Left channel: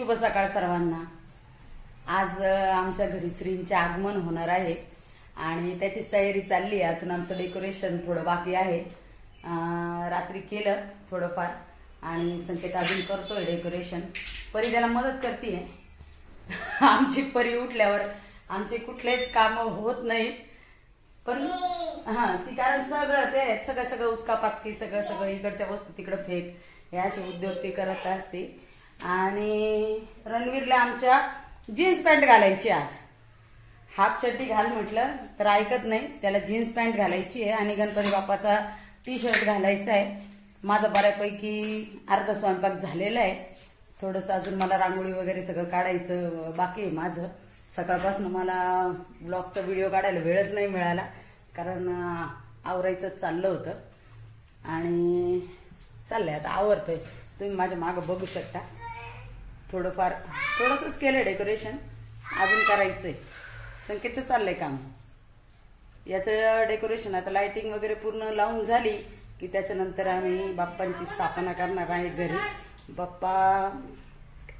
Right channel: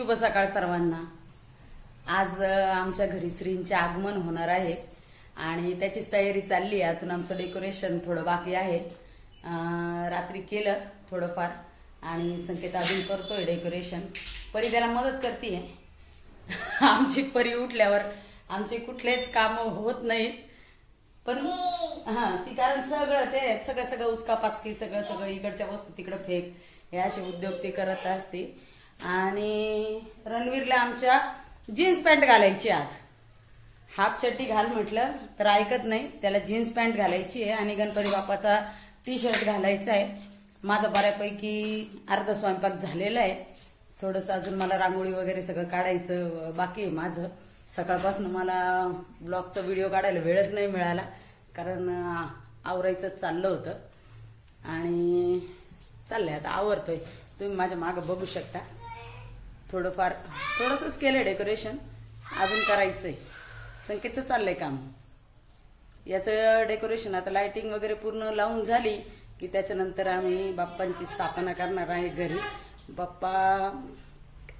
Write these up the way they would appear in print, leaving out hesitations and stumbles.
शुभ सकाळ सर्वांना। आज आमच्या घरी श्रींचे आगमन होणार आहे आणि त्याचीच तयारी चालली आहे। अजून आमचं डेकोरेशन थोडं बाकी आहे। रात्री केलं थोडंफार आणि संकेत अजून करतोय डेकोरेशन। परी त्याला मदत करते। आमची परी उठल्यावर आमचे कुठलेच काम होत नाहीत, पण ती कारण सगळं उचका पाचकी सगळं इकडच्या वस्तू तिकडे फेक हे असे उद्योग ती करत असते। आणि रणवीरला आमच्या जीन्स पॅन्ट घालायची, आज हाफ चड्डी घाल म्हटलं तर ऐकत नाही, त्याला जीन्स पॅन्ट घालायची आहे आणि गणपती बाप्पाचा टी शर्ट घालायचा आहे। माझा बऱ्यापैकी अर्धा स्वयंपाक झालेला आहे, थोडंसं अजून मला रांगोळी वगैरे सगळं काढायचं बाकी आहे माझं। सकाळपासून मला ब्लॉगचा व्हिडिओ काढायला वेळच नाही मिळाला, कारण आवरायचंच चाललं होतं आणि चाललंय आता आवरतोय। तुम्ही माझ्या मागं बघू शकता, थोडंसंच केलं डेकोरेशन, अजून करायचंय। संकेतचं चाललंय काम, याचं डेकोरेशन आता लाइटिंग वगैरे पूर्ण लावून झाली की त्याच्यानंतर आम्ही बाप्पांची स्थापना करणार आहे घरी। बाप्पा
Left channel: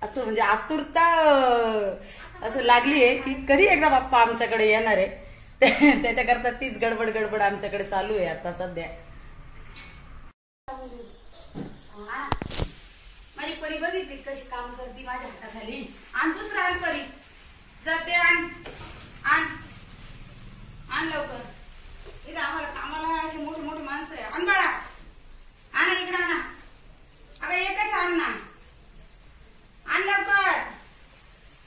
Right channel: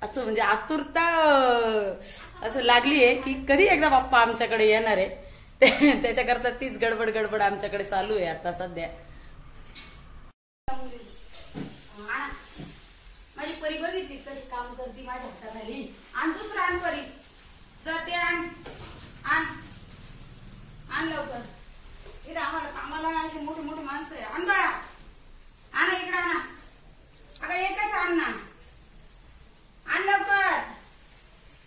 असं म्हणजे आतुरता असं लागली आहे की कधी एकदा बाप्पा आमच्याकडे येणार आहे, त्याच्याकरता तीच गडबड आमच्याकडे चालू आहे आता सध्या। माझी परी बघितली कशी काम करते माझ्या हाताखाली। आण दुसरा आण परी, जाते आण लवकर। इकडे आम्हाला असे मोठे मोठे माणसं आहे। आण बाळा, आण इकडे आणा, अगं एकच आण ना, आण लवकर,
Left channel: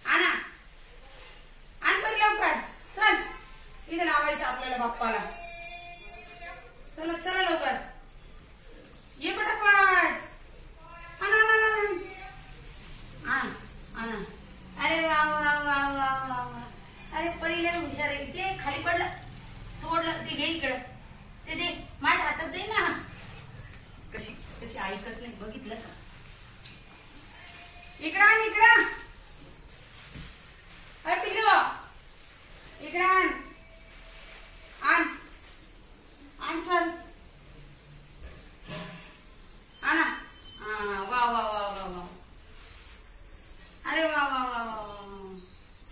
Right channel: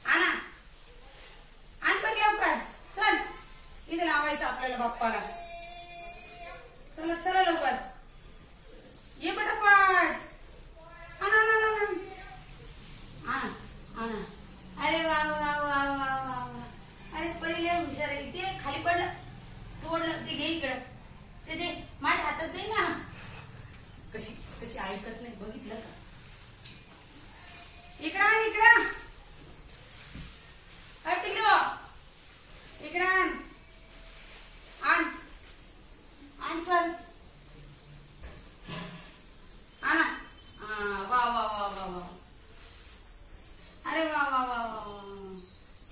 आणा आण परी लवकर, चल इथे लावायचं आपल्याला बाप्पाला। चला चला लवकर ये पटापट, अरे वा वा वा वा वा, अरे पडी लय हुशार आहे। ते खाली पडलं तोडलं, ते घे इकडं, ते दे माझ्या हातात दे ना। कशी कशी ऐकत नाही, बघितलं का? इकडं आण, इकडं पिल्लू, इकडं आण चल, आणा। वा वा वा वा वा, अरे वा वा वा वा,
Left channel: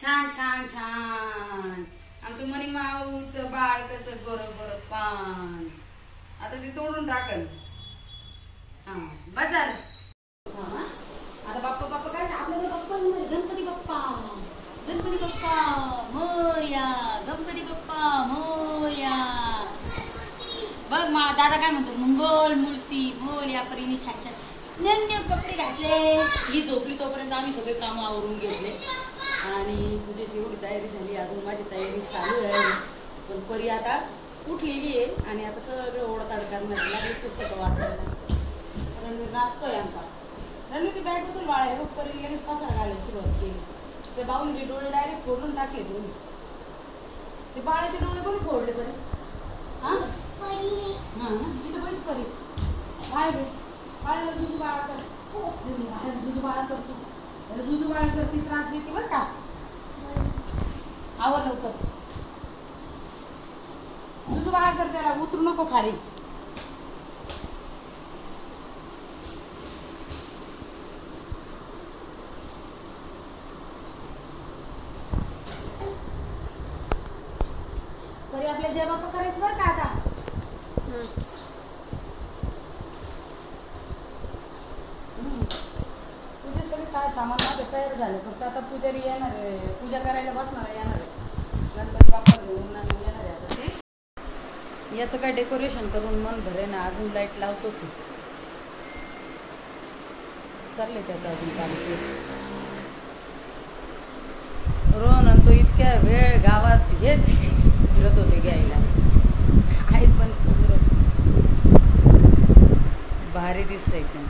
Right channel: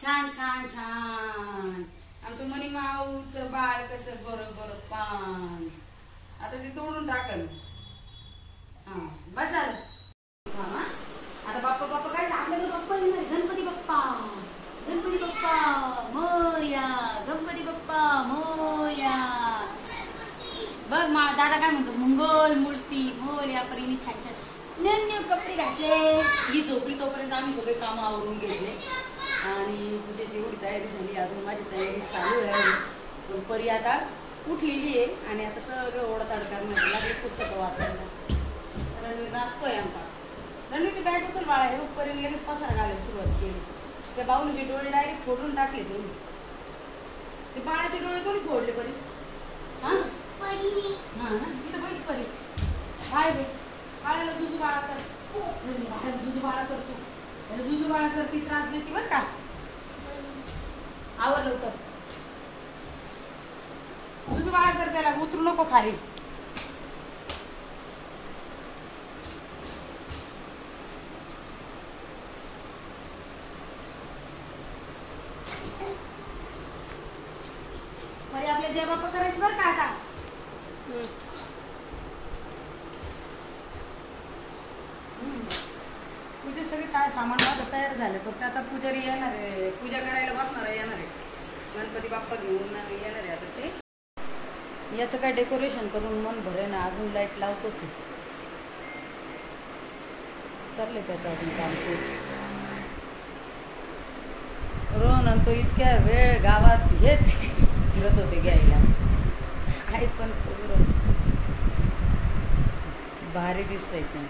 छान छान छान। आमचं मनी माऊचं बाळ कसं गोर पान, आता ते तोडून टाकल। बस झालं। आता बाप्पा काय आपल्याला बाप्पा गणपती बाप्पा मोरया, गणपती बाप्पा मोरया। बघ दादा काय म्हणतो, मंगल मूर्ती मोरया। परीने छान छान नन्हे कपडे घातले, ही झोपली तोपर्यंत आम्ही सगळे काम आवरून घेतले आणि पूजेची एवढी तयारी झाली। अजून माझी तयारी चालू आहे, पण परी आता उठलेली आहे आणि आता सगळं ओढताड करण्यात लागली, पुस्तकं वाचायला। रणवीर नाचतोय आमचा। रणवीर ती बॅग उचल बाळा, हे परीने लगेच पसारा घालायला सुरुवात केली। ते बाहुलीचे डोळे डायरेक्ट फोडून टाकले तुम्ही। ते बाळाचे डोळे कोणी फोडले परी? हा ना, इथं बस परी, बाळाला जुजू बाळा कर, जुजू बाळा करतो, जुजू बाळा करते, त्रास देते बरं का। आवर लवकर, जुजू बाळा कर, त्याला उतरू नको खाली। परी आपल्या जय बाप्पा करायचं बरं का आता। पूजे सगळे काय सामान माझं तयार झालं, फक्त आता पुजारी येणार आहे, पूजा करायला बसणार आहे, येणार आहे गणपती बाप्पा घेऊन येणार आहे। आता ते याचं काय डेकोरेशन करून मन भरे ना, अजून लाईट लावतोच चाललंय त्याचं अजून काम तेच। रोहन आणि तो इतक्या वेळ गावात हेच फिरत होते घ्यायला, आहे पण भारी दिसतंय एकदम।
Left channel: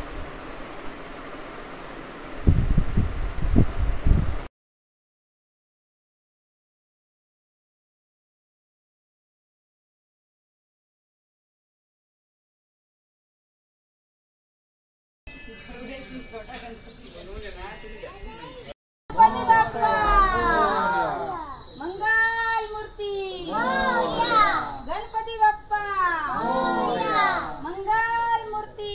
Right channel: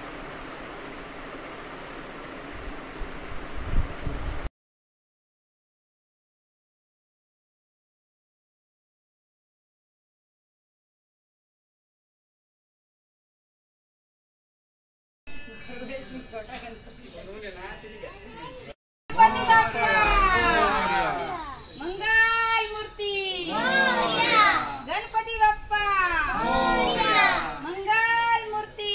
मंगल मूर्ती गणपती बाप्पा, मंगल मूर्ती।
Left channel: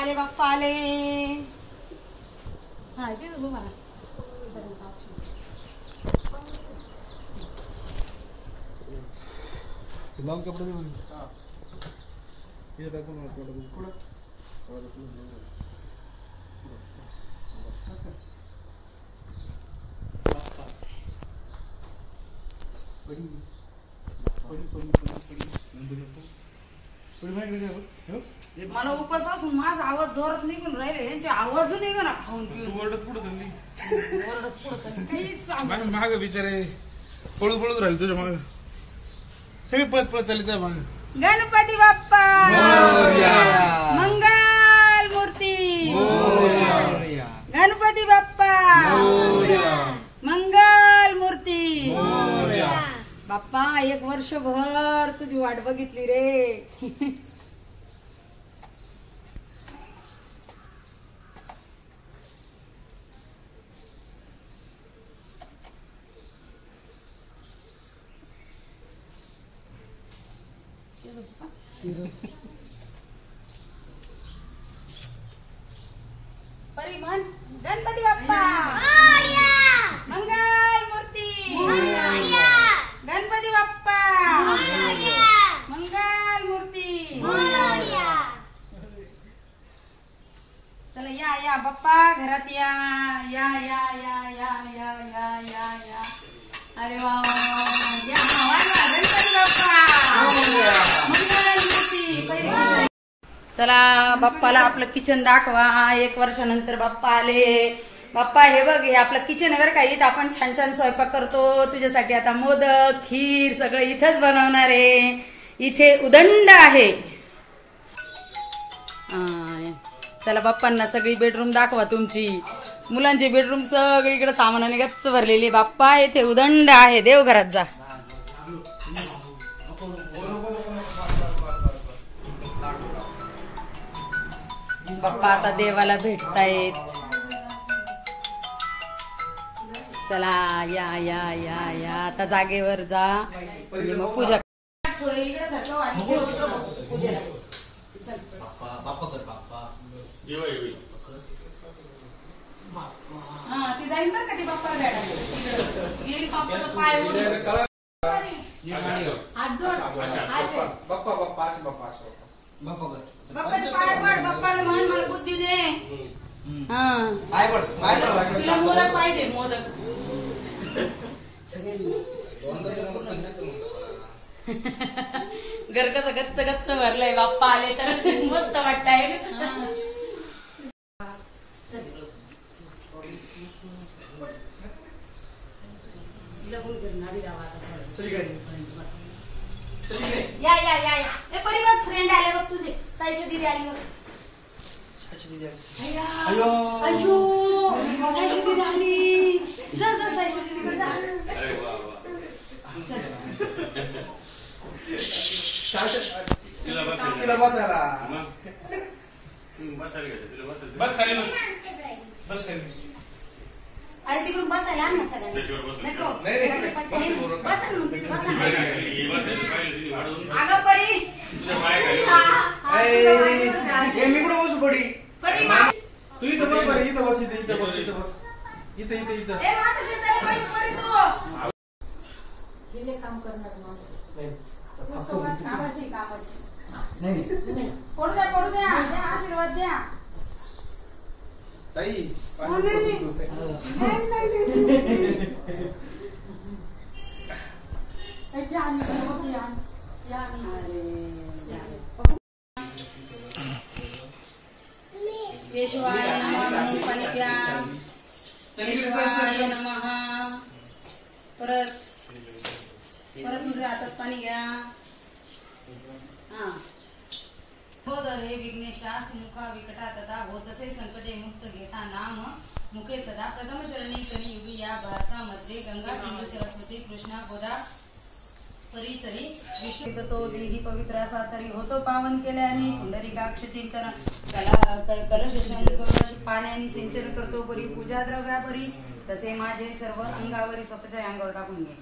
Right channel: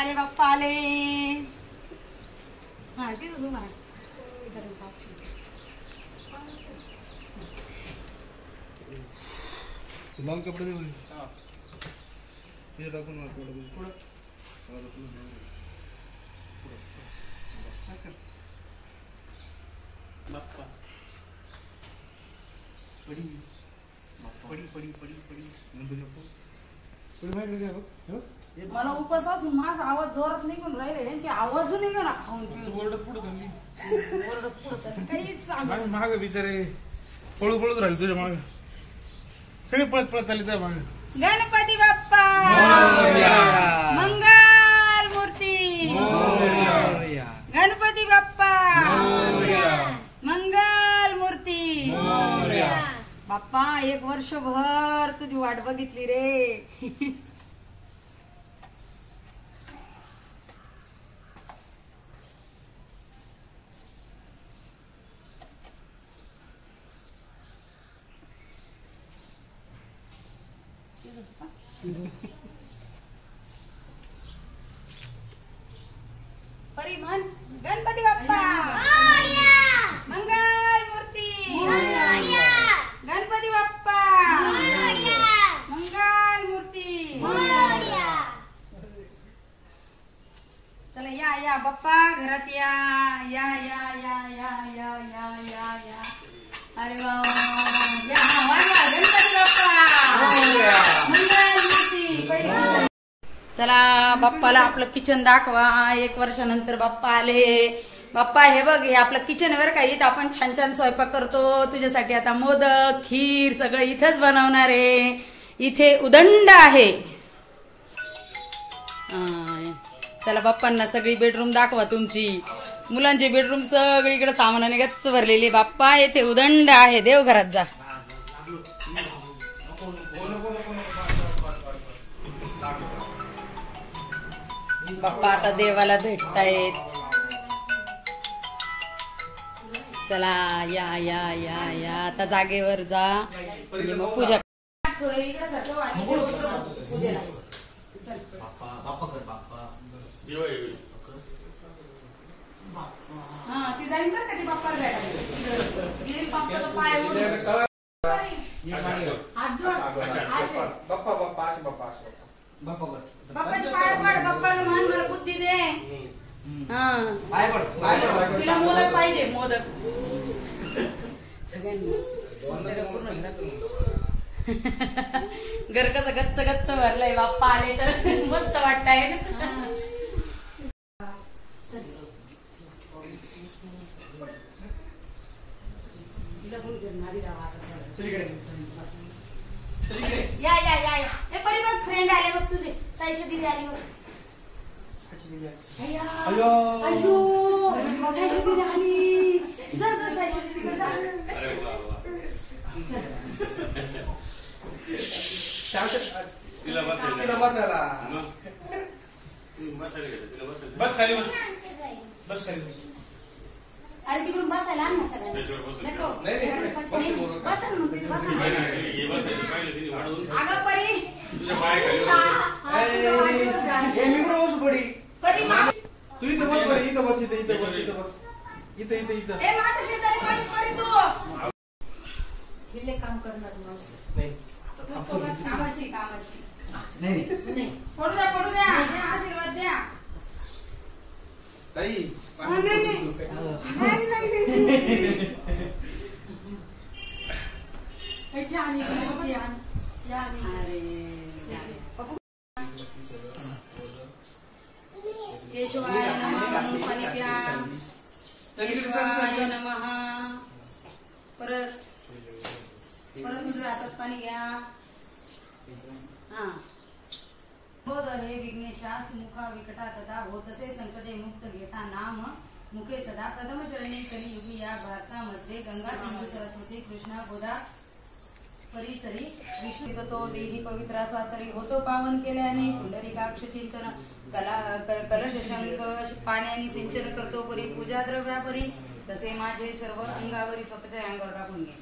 आले बाप्पा आले. हा तिथं उभा राहा. लाल कपडे दे मला. मला उपास असून माझा आवाज जोरात निघून राहिले, यांचे आवाज निघा ना खाऊन पिऊन. ओरडत पुढे चालली. ओरडत पुढं चालली. काहीच सांगत माग बिचारे पळू पळूच राहिले तुझ्या माग. सगळे पळत पळत चालली त्या माग. गणपती बाप्पा मंगल मूर्ती. गणपती बाप्पा मंगल मूर्ती. बाप्पा 1 वर्षभर तुझी वाट बघितली रे. परिमन गणपती बाप्पा मंगल मूर्ती. गणपती बाप्पा मंगल मूर्ती. चला या बाप्पा घरात या या या या या या या या या. अरे वा या गणपती बाप्पा मंगल मूर्ती. चला बाप्पाला आपलं किचन दाखवा. 1 वर्षानंतर बाप्पा आले. बाप्पा हे बघ, हे आपलं किचन वर का, इथं आपण छान छान स्वयंपाक करतो. तुझ्यासाठी आता मोदक खीर सगळं इथंच बनवणार आहे. इथे उदंड आहे. चला बाप्पांना सगळी बेडरूम दाखवा तुमची. मुलांची बेडरूम सगळीकडे सामानाने गच्च भरलेली. बाप्पा इथे उदंड आहे. देवघरात जा. बाप्पा आता देवाला भेटतायत. चला या या या या आता जागेवर जा, म्हणजे मग पूजा. थोडं इकडे हा ती जाईल बरं का, ती बाप्पा भेटायला बाप्पाचा पाय बाप्पाचे पाय पड. बाप्पाला म्हण मला बुद्धी दे. तिला मोदक पाहिजे, मोदक. घर कसं गच्च गच्च भरलंय. बाप्पा आले तर मस्त वाटतंय ना. या या या या हे परिवार फ्रेंड आले बघ तुझे. साईशा दिदी आली बघ. अयो साईशा दिदी आली. जा जा साईशा दीदीकडे जा. अरे तिकडून बसायला आण ना सगळ्यांना. बसा ना मग तिथे बसा ना. अगं परी मी कुठं बसू पडी. परी तू इथं बस परी. इथं बस. इथं बस. इथं बस. इथं इथं ए माझ्या शेताला पैसे परी तू. विले काम करणार माणूस नाही. कामाची नाही. पडू द्या आशीर्वाद द्या. ताई केशवाय नमः. पाणी घ्या. केशवाय नमः. परत तुझ्या हातात पाणी घ्या. हा. बोध हे विघ्नेशास मुखा विकटा तथा होतसे संकटे मुक्त घेता नाम मुखे सदा. प्रथम चरणी कलियुगी या भारतामध्ये गंगा सिंधू सरस्वती कृष्णा गोदा परिसरी विश्व तो देही पवित्र असा तरी होतो पावन केल्याने. पुंडरीकाक्ष चिंतन कलश शंख पाण्याने सिंचन करतो परी. पूजा द्रव्यापरी तसे माझे सर्व अंगावरी स्वतःच्या अंगावर टाकून घे.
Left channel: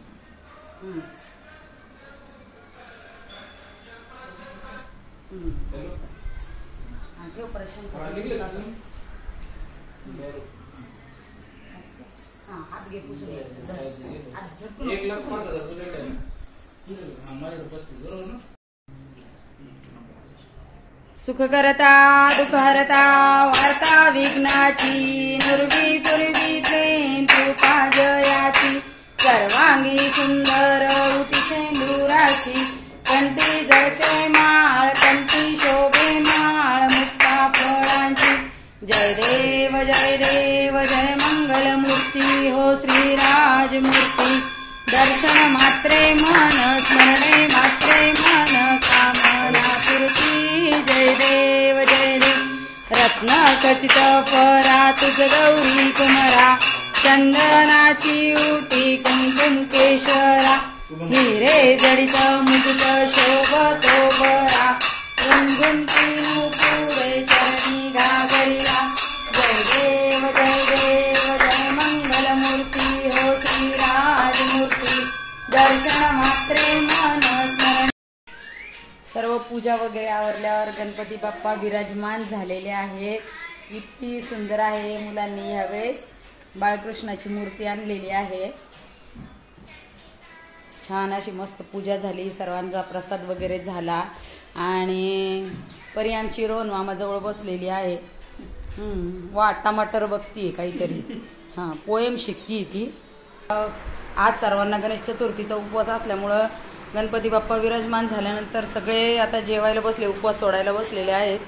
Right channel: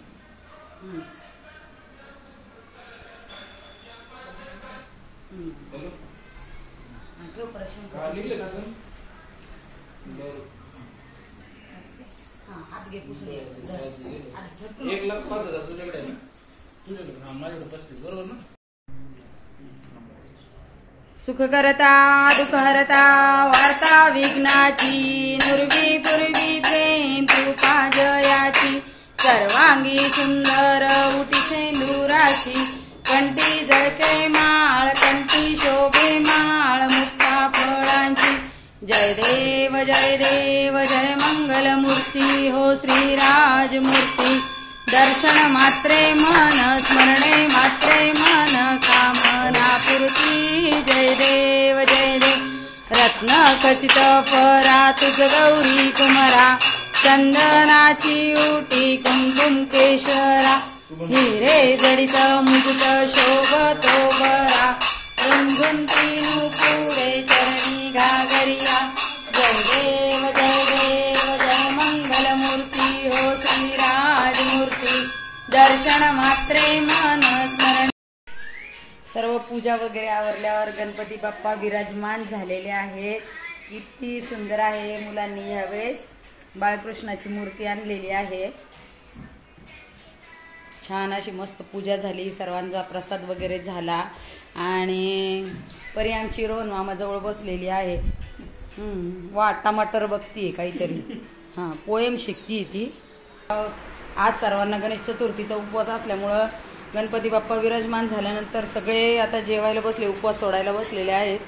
ठेव प्रश्न हात घे पुसून सुख करता दुःख हरता वार्ता विघ्नाची नुरवी पूर्वी प्रेम कृपा जयाची सर्वांगी सुंदर उटी शेंदुराची कंठी जळके माळ कंठी शोभे माळ मुक्ता फळांची जय देव जय मंगलमूर्ती हो श्रीराजमूर्ती दर्शन मात्रे मन स्मरणे मात्रे मन कामना पूर्ती जय देव रत्न खचित फरा तुझ गौरी कुमरा चंदनाची उटी कुंकुम केशरा हिरे जडित मुकुट शोभतो बरा गुणगुंती नुपुरे चरणी घागरिया जय देव जय मंगलमूर्ती हो श्रीराजमूर्ती दर्शन मात्रे मन स्मरण. सर्व पूजा वगैरे आवरल्यावर गणपती बाप्पा विराजमान झालेले आहेत. किती सुंदर आहे. मुलांनी यावेळेस बाळकृष्णाची मूर्ती आणलेली आहे. छान अशी मस्त पूजा झाली. सर्वांचा प्रसाद वगैरे झाला आणि परी आमची रोहन मामाजवळ बसलेली आहे. वा टमाटर बघतीये काहीतरी. हां पोएम शिकतीये ती. आज सर्वांना गणेश चतुर्थीचा उपवास असल्यामुळं गणपती बाप्पा विराजमान झाल्यानंतर सगळे आता जेवायला बसले, उपवास सोडायला बसलेले आहेत.